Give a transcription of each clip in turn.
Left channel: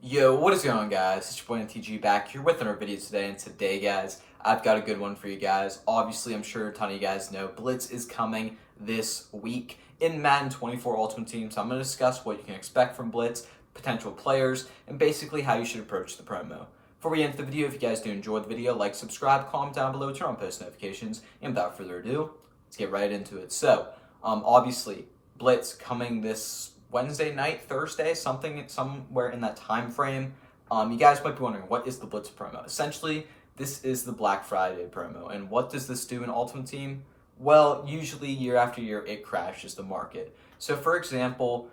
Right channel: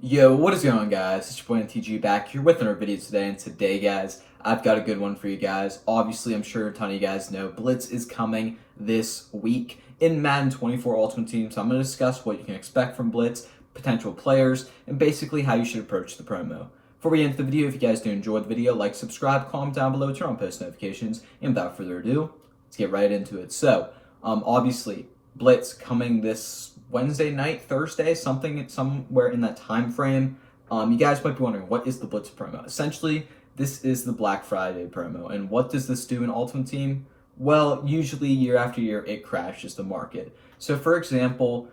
Yo, what is going on, guys? It's your boy NTG back here with another video today, and today, guys, I've got a good one for you guys. Obviously, I'm sure a ton of you guys know Blitz is coming this week in Madden 24 Ultimate Team, so I'm going to discuss what you can expect from Blitz, potential players, and basically how you should approach the promo. Before we get into the video, if you guys do enjoy the video, like, subscribe, comment down below, turn on post notifications, and without further ado, let's get right into it. So, obviously, Blitz coming this Wednesday night, Thursday, somewhere in that time frame. You guys might be wondering, what is the Blitz promo? Essentially, this is the Black Friday promo. And what does this do in Ultimate Team? Well, usually year after year, it crashes the market. So for example,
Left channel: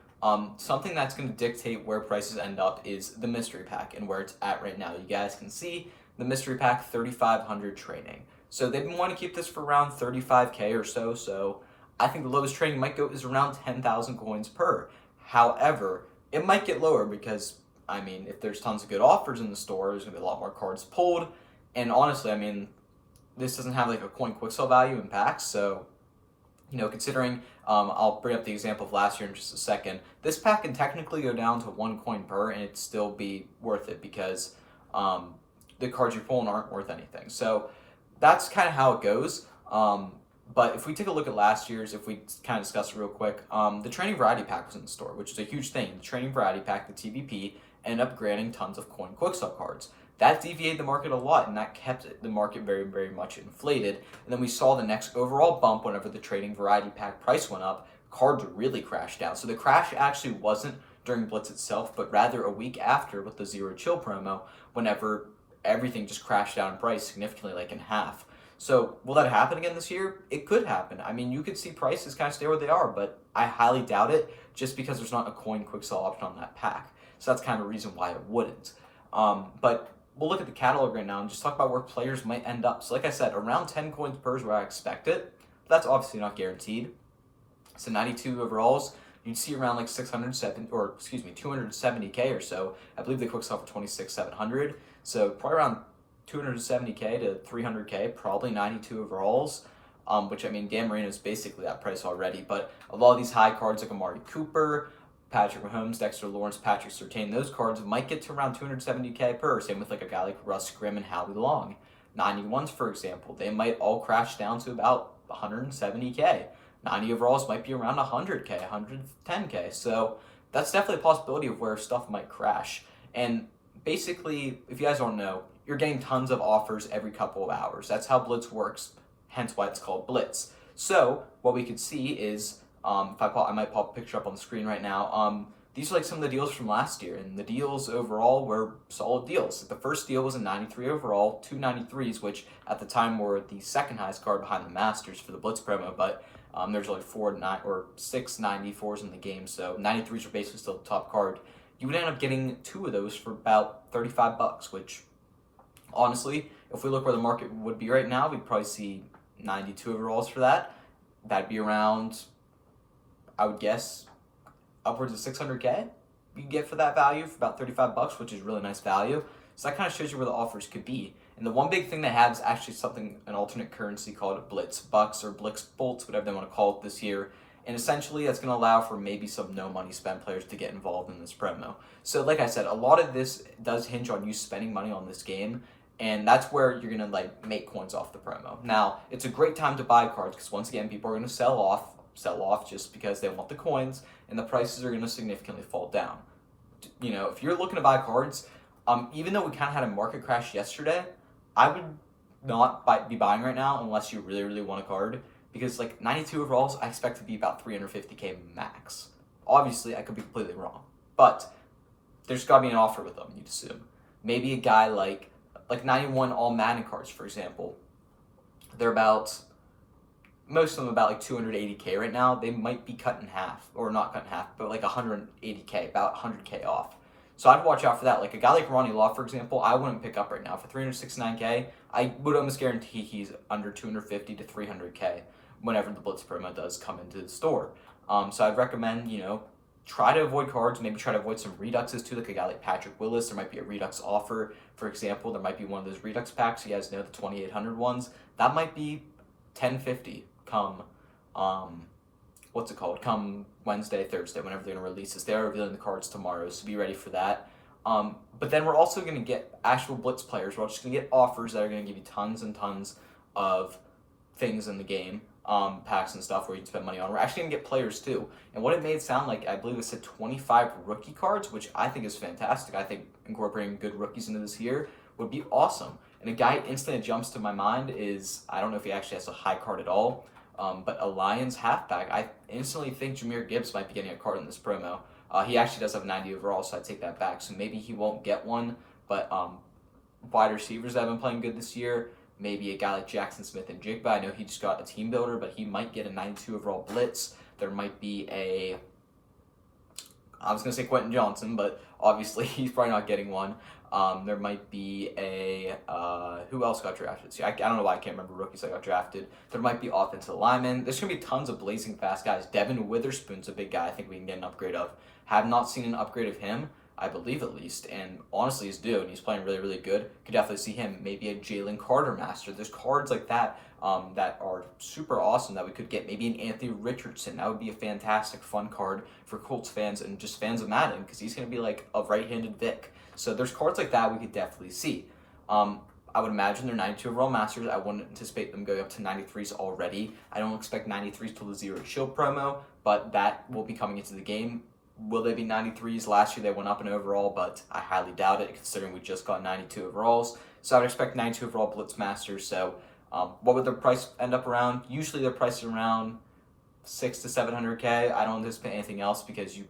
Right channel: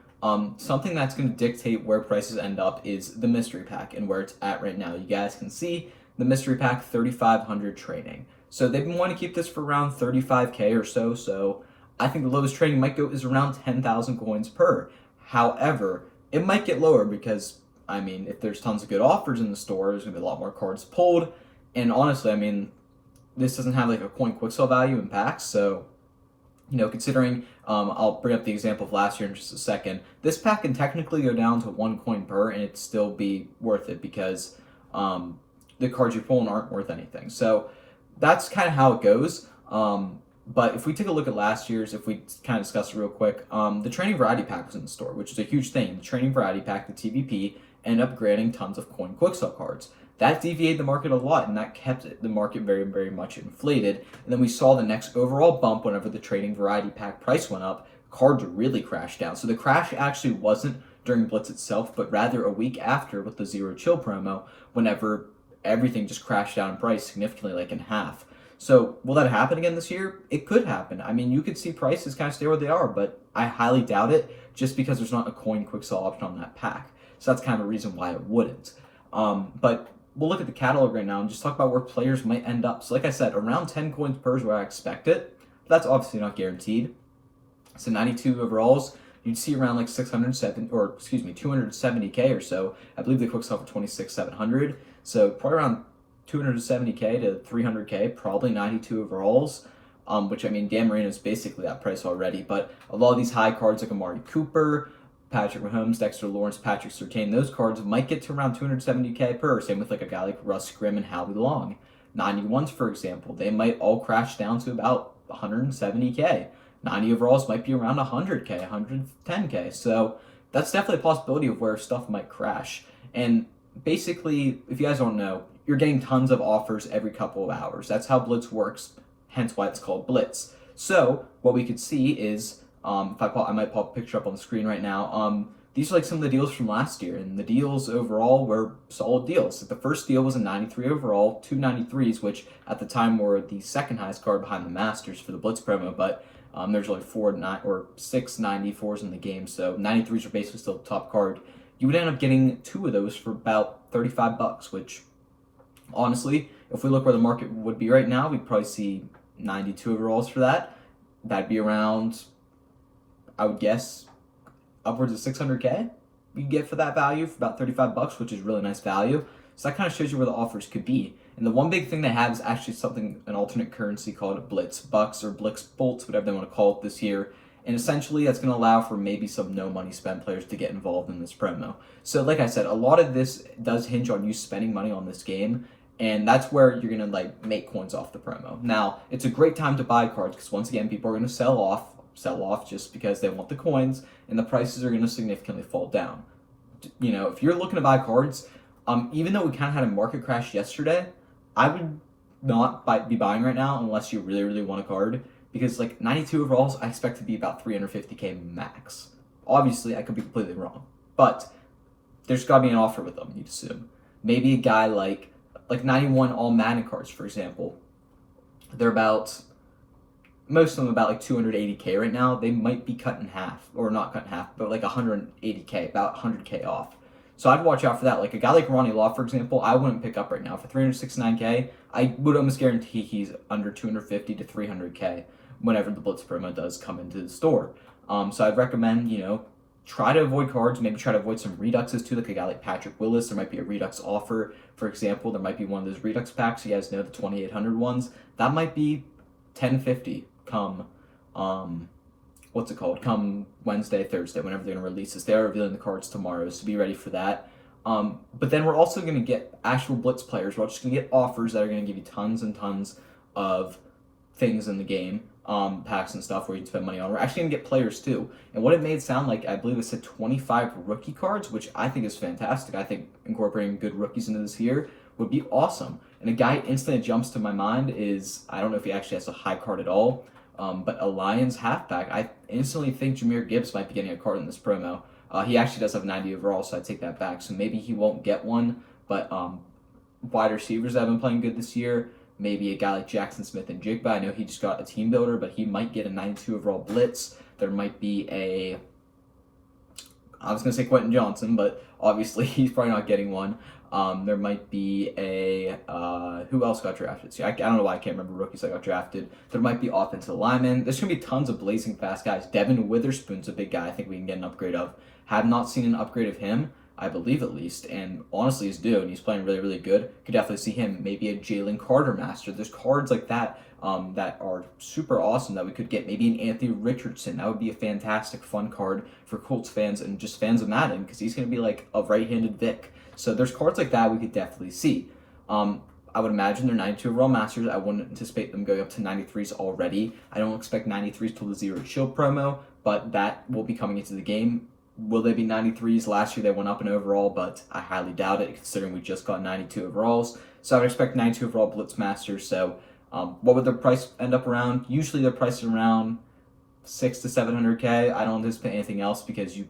something that's going to dictate where prices end up is the mystery pack and where it's at right now. You guys can see the mystery pack 3,500 training. So they've been wanting to keep this for around 35K or so I think the lowest trading might go is around 10,000 coins per. However, it might get lower because, if there's tons of good offers in the store, there's going to be a lot more cards pulled. And honestly, this doesn't have like a coin quick sell value in packs. So, considering, I'll bring up the example of last year in just a second. This pack can technically go down to 1 coin per and it still be worth it because the cards you're pulling aren't worth anything. So that's kind of how it goes. But if we take a look at last year's, if we kind of discuss it real quick, the Training Variety Pack was in the store, which is a huge thing. The Training Variety Pack, the TVP, ended up granting tons of coin quicksell cards. That deviated the market a lot, and that kept the market very, very much inflated. And then we saw the next overall bump whenever the Training Variety Pack price went up, cards really crashed down. So the crash actually wasn't during Blitz itself, but rather a week after with the Zero Chill promo, whenever everything just crashed down in price significantly, like in half. So will that happen again this year? It could happen. You could see prices kind of stay where they are, but I highly doubt it just because there's not a coin quick sell option on that pack. So that's kind of a reason why it wouldn't. But we'll look at the catalog right now and just talk about where players might end up. So like I said, around 10 coins per is where I expect it. But that's obviously not guaranteed. So 92 overalls, you'd see around like 270K or so. I believe they quick sell for 26,700. So probably around 270K to 300K, probably 92 overalls, which Dan Marino is basically that price already. But a lot of these high cards like Amari Cooper, Patrick Mahomes, Dexter Lawrence, Patrick Surtain, those cards might get to around 270K per. Same with like a guy like Russ Grimm and Howie Long. 91s, for example, they might all crash down to about 170K. 90 overalls might be around 100K, 110K. So that's definitely a possibility of where stuff might crash. And basically, if you guys don't know, you're getting tons of offers every couple of hours. That's how Blitz works, hence why it's called Blitz. So what we could see is, I might pop a picture up on the screen right now. These are like some of the deals from last year, and the deals overall were solid deals. The first deal was a 93 overall, 2 93s, which at the time were the second highest card behind the Masters for the Blitz promo, but there's only 6 94s in the game, so 93s are basically still the top card. You would end up getting 2 of those for about 35 bucks, which honestly, if we look where the market would be right now, we'd probably see 92 overalls for that. That'd be around, I would guess, upwards of 600K you can get for that value for about 35 bucks, which is really nice value. So that kind of shows you where the offers could be. And the one big thing they have is actually an alternate currency called Blitz Bucks or Blitz Bolts, whatever they want to call it this year. And essentially, that's going to allow for maybe some no money spend players to get involved in this promo. So like I said, a lot of this does hinge on you spending money on this game. And that's where you're going to make coins off the promo. Now, it's a great time to buy cards because once again, people are going to sell off just because they want the coins, and the prices are going to significantly fall down. If you're looking to buy cards, even though we kind of had a market crash yesterday, I would not be buying right now unless you really, really want a card. Because 92 overalls, I expect to be about 350K max. Obviously, I could be completely wrong. But there's got to be an offer with them, you'd assume. Maybe a guy like 91 all Madden cards, for example. They're most of them about 280K right now. They might be cut in half, or not cut in half, but 180K, about 100K off. So I'd watch out for that. Like a guy like Ronnie Law, for example, I wouldn't pick up right now. For 369K, I would almost guarantee he's under 250 to 300K whenever the Blitz promo does come into the store. So I'd recommend, try to avoid cards, maybe try to avoid some reduxes too, like a guy like Patrick Willis. There might be a redux offer, for example. There might be one of those redux packs. You guys know the 2800 ones. That might be 1050 come come Wednesday, Thursday, whenever they're going to release this. They are revealing the cards tomorrow, so be ready for that. But then we're also going to get actual Blitz players. We're just going to get offers that are going to give you tons and tons of things in the game, packs and stuff where you can spend money on. We're actually going to get players too. And what it made sound like, I believe it said 25 rookie cards, which I think is fantastic. I think incorporating good rookies into this here would be awesome. And a guy instantly jumps to my mind is, I don't know if he actually has a high card at all, but a Lions halfback. I instantly think Jahmyr Gibbs might be getting a card in this promo. He actually does have 90 overall, so I take that back. So maybe he won't get one, but wide receivers that have been playing good this year, maybe a guy like Jackson Smith and Jigba. I know he just got a team builder, but he might get a 92 overall Blitz. There might be I was going to say Quentin Johnson, but obviously he's probably not getting one. There might be who else got drafted? See, I don't know why I can't remember rookies that got drafted. There might be offensive linemen. There's going to be tons of blazing fast guys. Devin Witherspoon's a big guy I think we can get an upgrade of. Have not seen an upgrade of him, I believe at least, and honestly he's due, and he's playing really, really good. Could definitely see him. Maybe a Jalen Carter master. There's cards like that that are super awesome that we could get. Maybe an Anthony Richardson. That would be a fantastic, fun card for Colts fans and just fans of Madden, because he's going to be like a right-handed Vic. So there's cards like that we could definitely see. I would imagine they're 92 overall masters. I wouldn't anticipate them going up to 93s already. I don't expect 93s till the Zero Shield promo, but that will be coming into the game. Will they be 93s? Last year they went up in overall, but I highly doubt it considering we just got 92 overalls. So I would expect 92 overall Blitz Masters. So what would their price end up around? Usually their price is around 600 to 700K. I don't anticipate anything else because you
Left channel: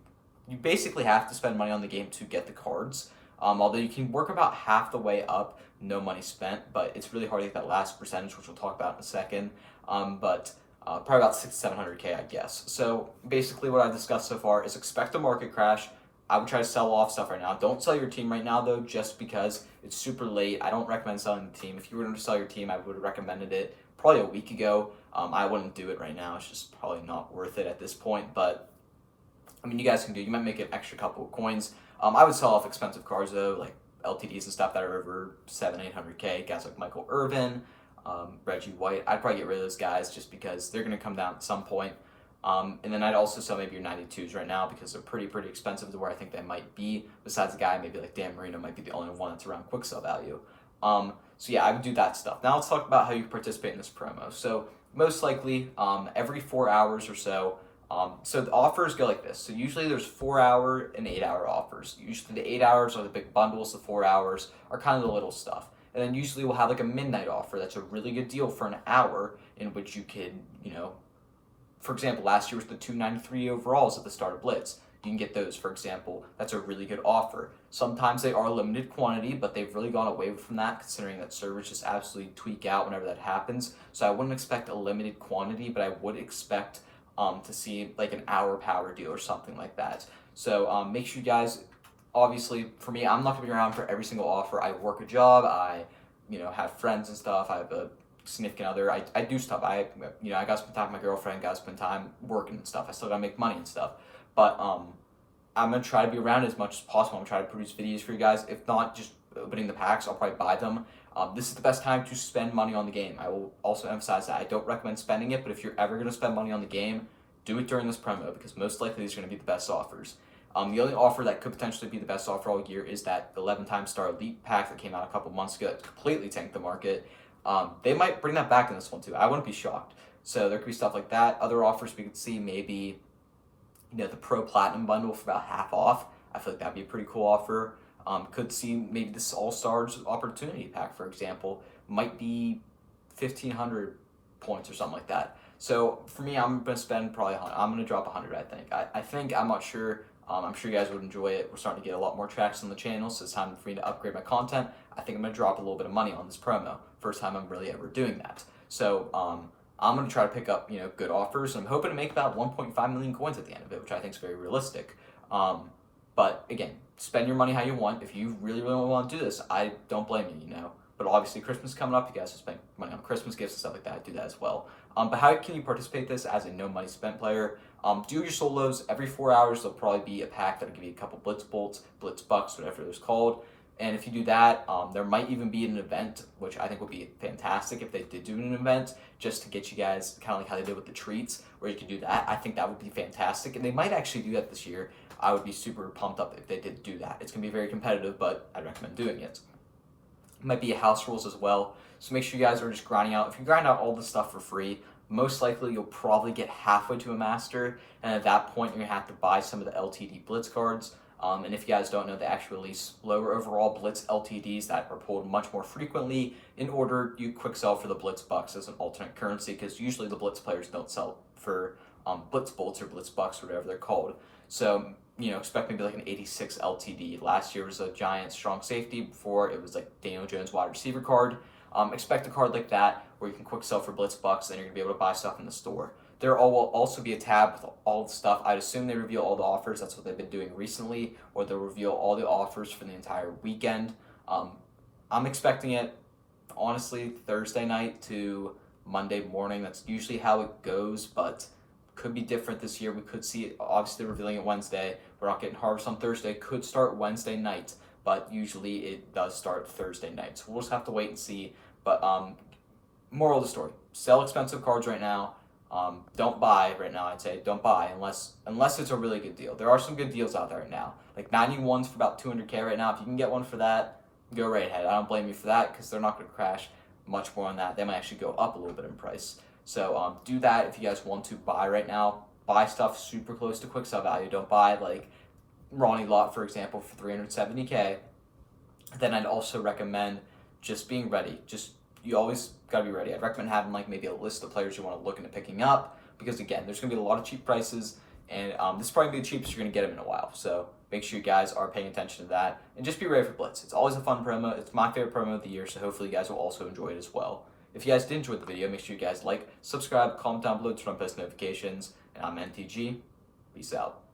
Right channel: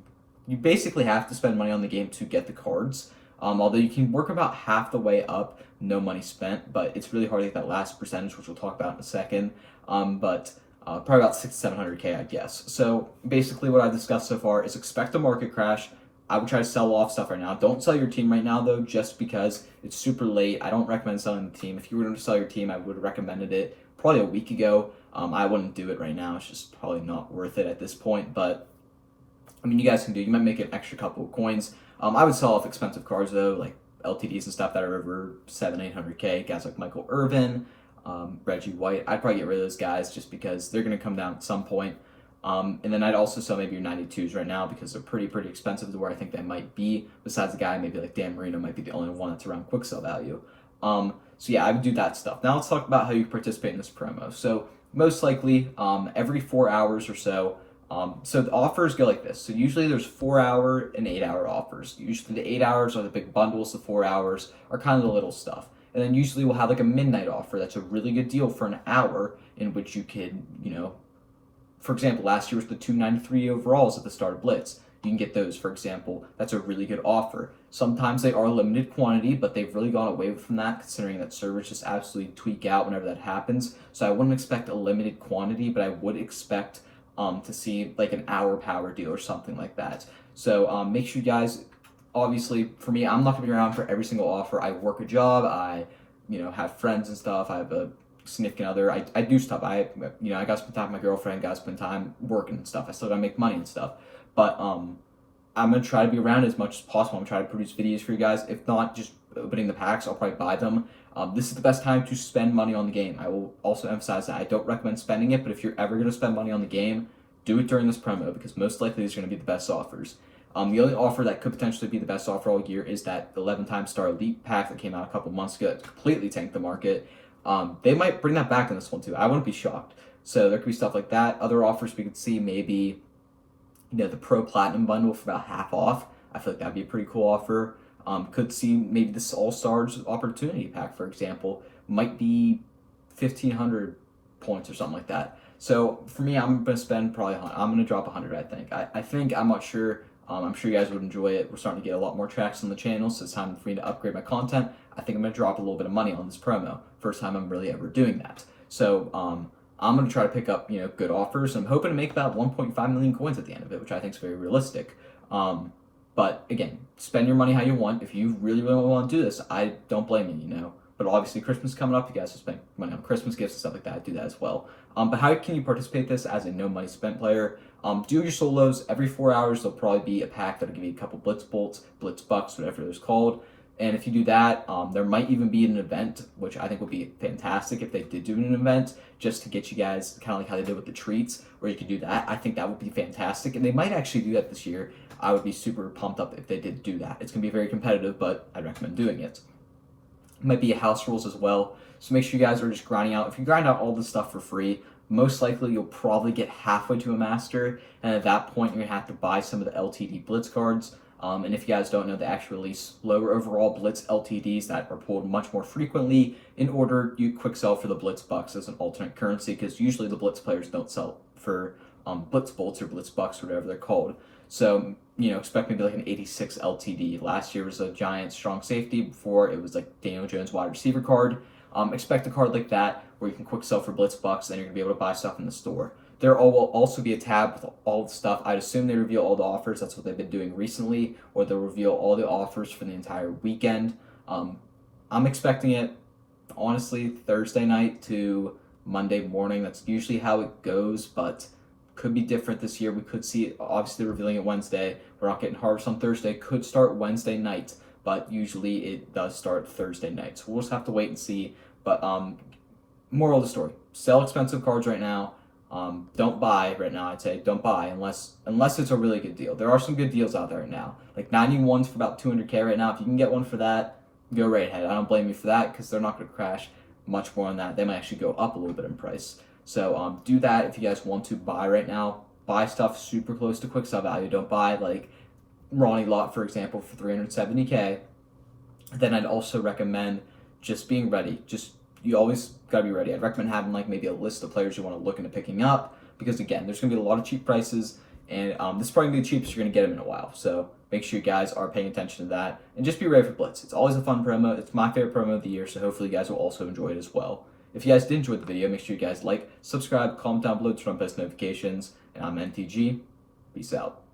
basically have to spend money on the game to get the cards. Although you can work about half the way up, no money spent, but it's really hard to get that last percentage, which we'll talk about in a second. Probably about 600 to 700K, I guess. So basically what I've discussed so far is expect a market crash. I would try to sell off stuff right now. Don't sell your team right now, though, just because it's super late. I don't recommend selling the team. If you were going to sell your team, I would have recommended it probably a week ago. I wouldn't do it right now. It's just probably not worth it at this point. But, I mean, you guys can do. You might make an extra couple of coins. I would sell off expensive cards, though, like LTDs and stuff that are over 700-800K. Guys like Michael Irvin, Reggie White. I'd probably get rid of those guys just because they're going to come down at some point. And then I'd also sell maybe your 92s right now because they're pretty expensive to where I think they might be. Besides a guy maybe like Dan Marino might be the only one that's around quick sell value. So yeah, I would do that stuff. Now let's talk about how you participate in this promo. So most likely every 4 hours or so. So the offers go like this. So usually there's 4 hour and 8 hour offers. Usually the 8 hours are the big bundles. The 4 hours are kind of the little stuff. And then usually we'll have like a midnight offer. That's a really good deal for an hour in which you could, for example, last year was the 293 overalls at the start of Blitz. You can get those, for example. That's a really good offer. Sometimes they are limited quantity, but they've really gone away from that considering that servers just absolutely tweak out whenever that happens. So I wouldn't expect a limited quantity, but I would expect to see like an hour power deal or something like that. So make sure you guys, obviously for me, I'm not gonna be around for every single offer. I work a job, I have friends and stuff, I have a significant other, I do stuff, I gotta spend time with my girlfriend, gotta spend time working and stuff, I still gotta make money and stuff, but I'm gonna try to be around as much as possible. I'm gonna try to produce videos for you guys. If not just opening the packs, I'll probably buy them. This is the best time to spend money on the game. I will also emphasize that I don't recommend spending it, but if you're ever going to spend money on the game, do it during this promo because most likely these are going to be the best offers. The only offer that could potentially be the best offer all year is that 11-time Star Elite pack that came out a couple months ago that completely tanked the market. They might bring that back in this one too. I wouldn't be shocked. So there could be stuff like that. Other offers we could see maybe, the Pro Platinum bundle for about half off. I feel like that'd be a pretty cool offer. Could see maybe this All-Stars Opportunity Pack, for example, might be 1,500 points or something like that. So for me, I'm going to spend probably I'm going to drop 100, I think. I'm not sure. I'm sure you guys would enjoy it. We're starting to get a lot more tracks on the channel, so it's time for me to upgrade my content. I think I'm going to drop a little bit of money on this promo. First time I'm really ever doing that. So I'm going to try to pick up, good offers. I'm hoping to make about 1.5 million coins at the end of it, which I think is very realistic. But again, spend your money how you want. If you really want to do this, I don't blame you, But obviously, Christmas is coming up. You guys will spend money on Christmas gifts and stuff like that. Do that as well. But how can you participate this as a no money spent player? Do your solos every 4 hours. There'll probably be a pack that'll give you a couple Blitz Bolts, Blitz Bucks, whatever they're called. And if you do that, there might even be an event, which I think would be fantastic if they did do an event, just to get you guys kind of like how they did with the treats, where you could do that. I think that would be fantastic, and they might actually do that this year. I would be super pumped up if they did do that. It's going to be very competitive, but I'd recommend doing it. It might be a house rules as well, so make sure you guys are just grinding out. If you grind out all this stuff for free, most likely you'll probably get halfway to a master, and at that point you're going to have to buy some of the LTD Blitz cards. And if you guys don't know, they actually release lower overall Blitz LTDs that are pulled much more frequently in order you quick sell for the Blitz Bucks as an alternate currency, because usually the Blitz players don't sell for Blitz Bolts or Blitz Bucks or whatever they're called. So, expect maybe like an 86 LTD. Last year was a giant strong safety. Before it was like Daniel Jones wide receiver card. Expect a card like that where you can quick sell for Blitz Bucks, and you're going to be able to buy stuff in the store. There will also be a tab with all the stuff. I'd assume they reveal all the offers. That's what they've been doing recently, or they'll reveal all the offers for the entire weekend. I'm expecting it, honestly, Thursday night to Monday morning. That's usually how it goes, but could be different this year. We could see it, obviously, revealing it Wednesday. We're not getting harvest on Thursday. Could start Wednesday night, but usually it does start Thursday night. So we'll just have to wait and see. But moral of the story, sell expensive cards right now. Don't buy right now. I'd say don't buy unless it's a really good deal. There are some good deals out there right now. Like 91s for about 200K right now. If you can get one for that, go right ahead. I don't blame you for that, because they're not going to crash much more on that. They might actually go up a little bit in price. So do that if you guys want to buy right now. Buy stuff super close to quick sell value. Don't buy like Ronnie Lott, for example, for 370K. Then I'd also recommend just being ready. You always got to be ready. I'd recommend having like maybe a list of players you want to look into picking up, because again, there's going to be a lot of cheap prices, and this is probably going to be the cheapest you're going to get them in a while. So make sure you guys are paying attention to that, and just be ready for Blitz. It's always a fun promo. It's my favorite promo of the year, so hopefully you guys will also enjoy it as well. If you guys did enjoy the video, make sure you guys like, subscribe, comment down below to turn on post notifications, and I'm NTG. Peace out.